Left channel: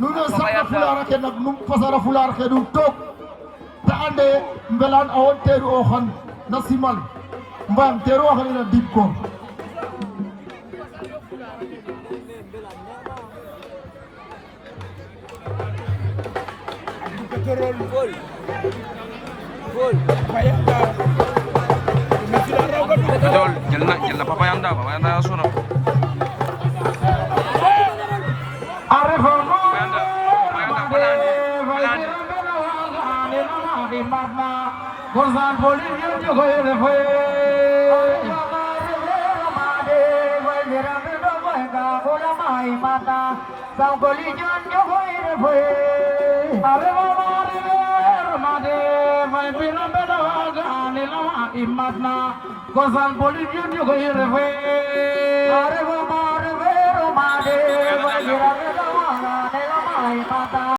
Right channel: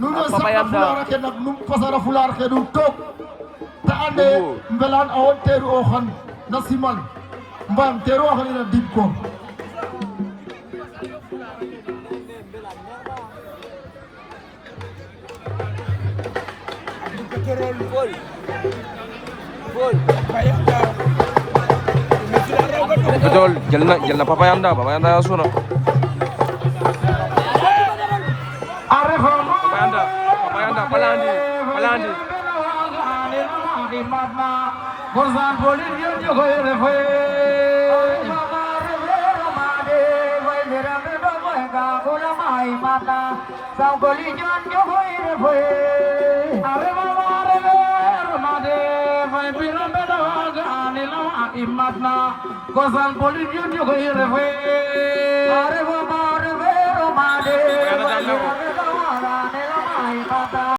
papayanda ke nak num fasara fular ke du tok ta ande mbelan awo teru o xon na simal mbam teru o xon na dim ko betul jël na papayanda suna papayanda palandi Gozal boli judi ko yere fe are ba mare vero mare